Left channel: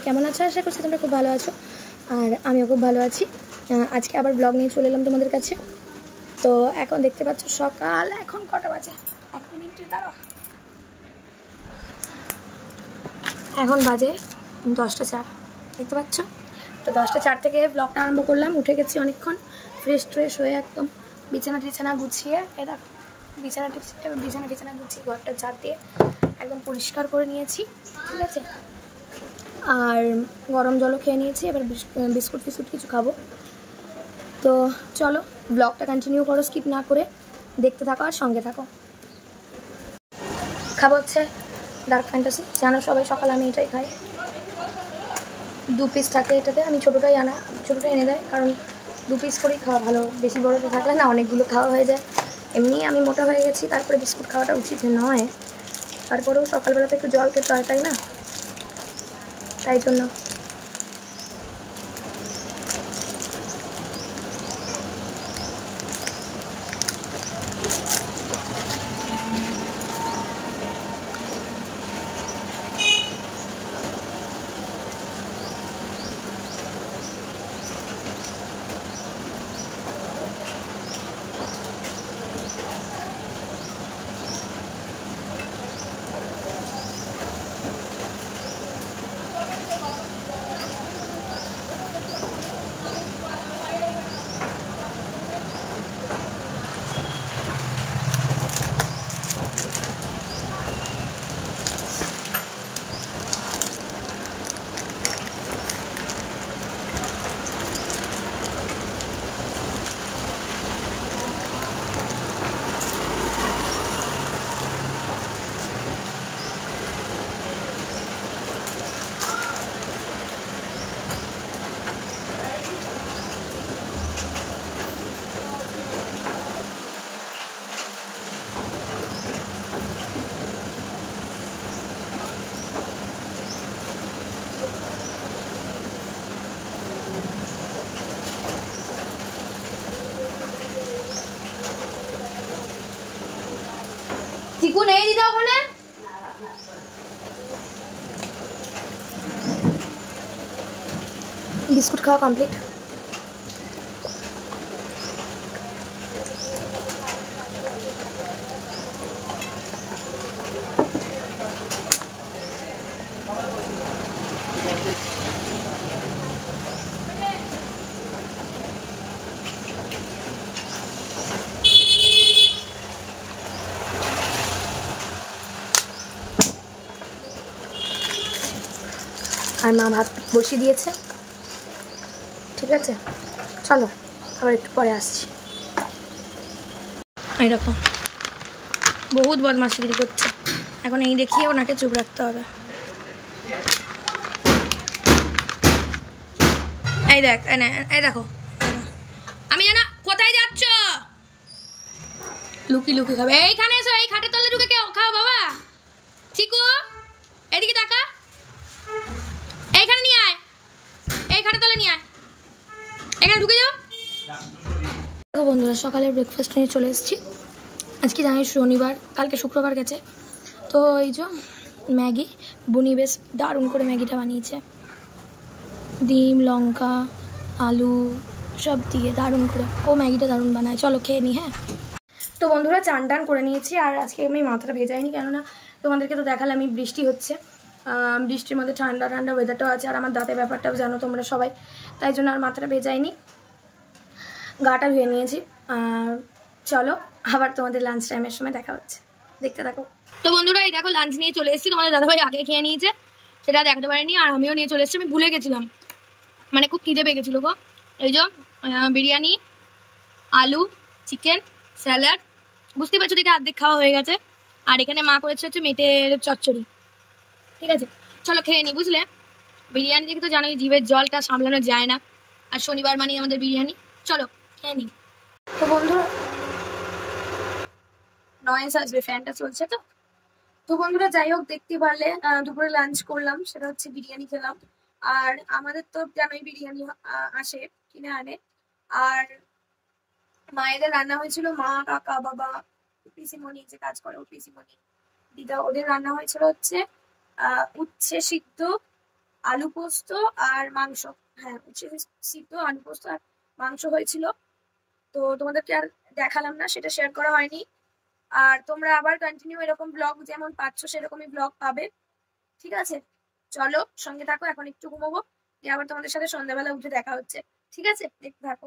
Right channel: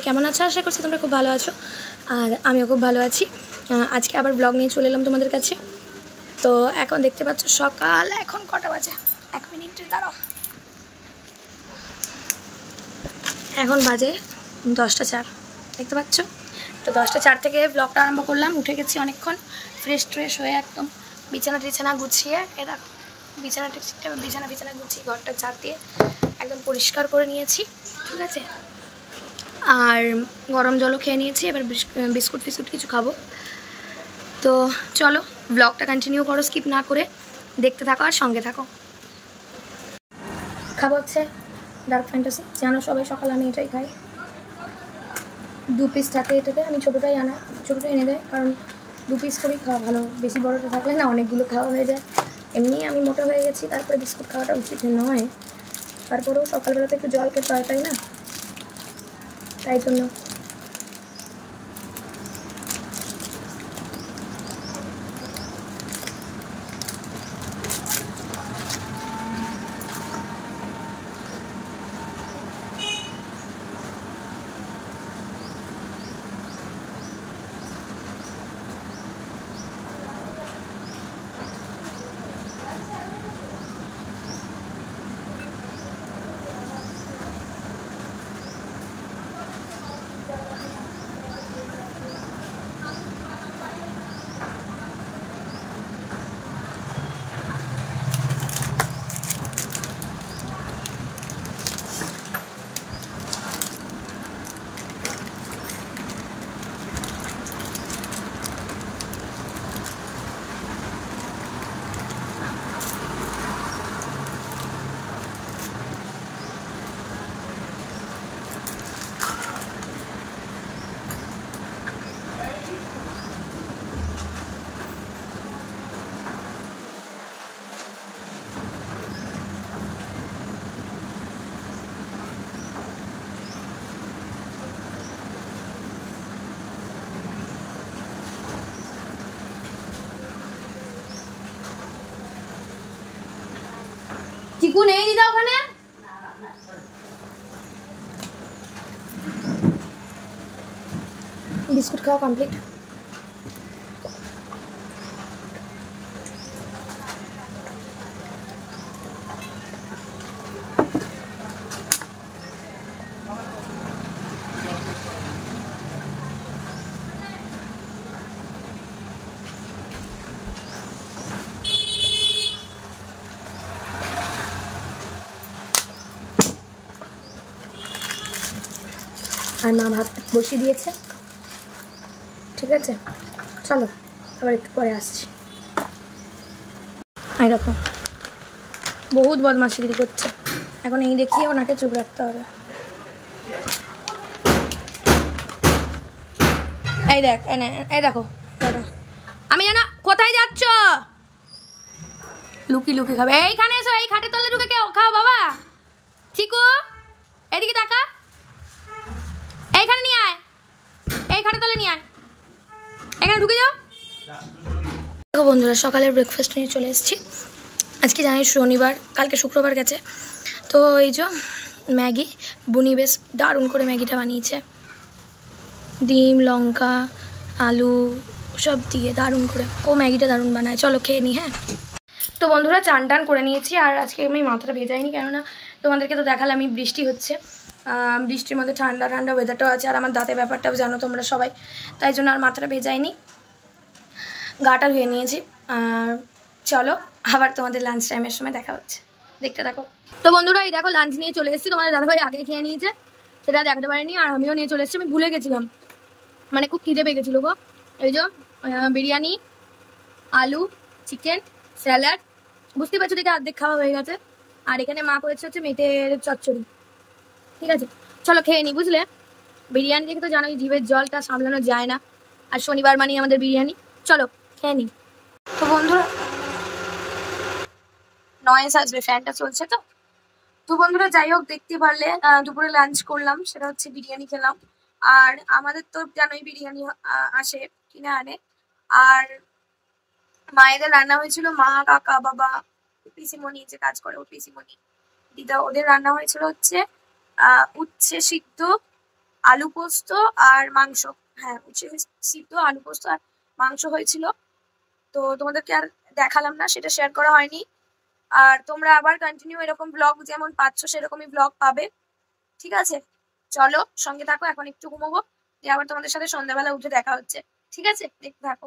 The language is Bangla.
সবাই কেমন আছো? আশা করছি তোমরা খুব ভালো আছো, আর আমিও খুব ভালো আছি। আজকে আবার ব্লগ নিয়ে চলে এলাম তোমাদের কাছে। তো এখন দেখতে পাচ্ছ সকাল, এখন কটা বাজে, 1 মিনিট দাঁড়াও, এখন বাজে 10টা 4, দেখতে পাচ্ছ? তো 10টা 4 থেকে ব্লগটা আরম্ভ করলাম। উঠে গেছি অনেকক্ষণ, ফ্রেশ হয়ে একদম বিছানা গুছিয়ে, এরা বিছানা গুছিয়ে ঘরটা ঝাড় দিয়ে একদম পরিষ্কার করে নিয়েছি, ঠিক আছে। আর গরম জলও খেয়ে নিয়েছি, এবার বিস্কুট কিছু খাবো। তো চলো ব্লগটা কন্টিনিউ করো, স্কিপ না করে দেখতে থাকো আর সঙ্গে থাকো। খাবো হচ্ছে ডার্ক ফ্যান্টাসি, জানো সবাই সকালে আমি এটাই খাই। 2 পিস থাকে এটাতে, আমি ছোটোটা এনে দেয়, কারণ 2 পিস করেই খাওয়া ভালো, বেশি বড়তে থাকলে না অনেকগুলো খাওয়া হয়ে যায়। এমনি আমি মোটা হয়ে গেছি, তারপরে বিস্কুট খাওয়াটা উচিত নয়, তারপরেও সকালবেলাতে একটু জল খেতে হয়, তাই না? তাই জন্য চিকু নেই দিদা ওখানে। বিস্কুট খাওয়া কমপ্লিট। আর মা ভাত বসিয়ে দিয়েছে, ঠিক আছে। চলো আবার একটু পরে আসছি। এরকম বহুত বদমাশিগিরি করছে, এখন এই দেখিয়ে ওনাকে চুপ রাখতে হবে। এই দেখ, এই দেখো, আমি জানা কোথায় যাচ্ছ? লুকি খাবে। এইখানে এসো, এই খাটের তলে ঢুকে খাও বাবা। চিকু এদিকে তাকা, এইখানে নিয়ে আয়, এই খাটের তলে নিয়ে আয়, এখানে ঢুকে যাও। দেখো বন্ধুরা, সকালের ব্রেকফাস্ট নিয়ে চলে এসেছি। আজকে জানি শনিবার, কালকে শুক্রবার গেছে। তো এই যে ম্যাগি, বুনি বেশ দারুণ করে ম্যাগিটা বানিয়েছে, ডিম লঙ্কা আলু সব দিয়ে দারুণ করে, ও ম্যাগিটা দারুণ বানায়। চলো খেয়ে নিই। হ্যাঁ, তো বন্ধুরা চান টান করে নিয়েছি, আর আজকে আমি মাথাটা ভেজাইনি, কেননা তোমাদেরকে তো দেখালে আমি বৃষ্টি হচ্ছে, বৃষ্টির মধ্যে ঠান্ডা ওয়েদারটাও আছে, আর আমার দাঁতের ব্যাপারটাও জানো তোমরা সবাই, তাই জন্য আর মাথাটা ভেজাইনি, গাটা ধুয়ে নিয়েছি। চলো আবার তোমাদের লাঞ্চ টাইমের সময় দেখা হচ্ছে, দেখতে থাকো। তো বন্ধুরা এই দেখো লাঞ্চ নিয়ে চলে এসেছি, তোমাদের দাদাভাই আগে খেয়ে নিয়েছে, সেটা দেখাতে পারিনি, আর আমিও নিয়ে চলে এসেছি। আমি ভুলে গেছিলাম, মানে খুব খিদে পেয়ে গেছিলো গো। এই যে বিরিয়ানি, আলু, চিকেন, স্যালাড, বুঝতেই পারছো দেখে অর্ধেক খাওয়া হয়ে গেছে। আর এখানে মা করেছে হচ্ছে মেটের চচ্চড়ি, ঠিক আছে। চলো খেয়ে নি, বুঝলে। বিরিয়ানি দেখে তো জানোই জিভের জলটা সামলানো যায় না, আর শনিবার মানে আমাদের বিরিয়ানি। চলো খেয়ে নি। তো বন্ধুরা নয়েস আসবে, ফ্যানটা চলছে তো। তো বন্ধুরা যাই হোক, দেখতে পারলে দুপুরে লাঞ্চ করলাম, সেটা হচ্ছে বিরিয়ানি খেলাম। আর আমাদের তো জানোই বিরিয়ানি আসে, কিনে আনে। আর মায়েদের রান্না হয়েছিল, মা কাকা বাবা পিসিমণি যে কাজ করে, ও পিসিমণি দিদা, ওদের রান্না হয়েছিল হচ্ছে উচ্ছে সিদ্ধ, আলু পোস্ত আর মাংস। হ্যাঁ, উচ্ছে সিদ্ধ, আলু পোস্ত আর মাংস হয়েছিল। তো তোমাদেরকে আর দেখালাম না, সেটা শেয়ার করা হয়নি। আর তোমরা আবার কন্টিনিউ এরকম ব্লগ যেমন পাচ্ছ সেরকমই ব্লগ পাবে। ঠিক আছে, চলো সঙ্গে থাকো, এখন একটু ঘুমোবো, দিয়ে আবার তোমাদের সাথে সন্ধ্যাবেলা উঠে দেখা হচ্ছে। ঠিক আছে, দেখতে থাকো।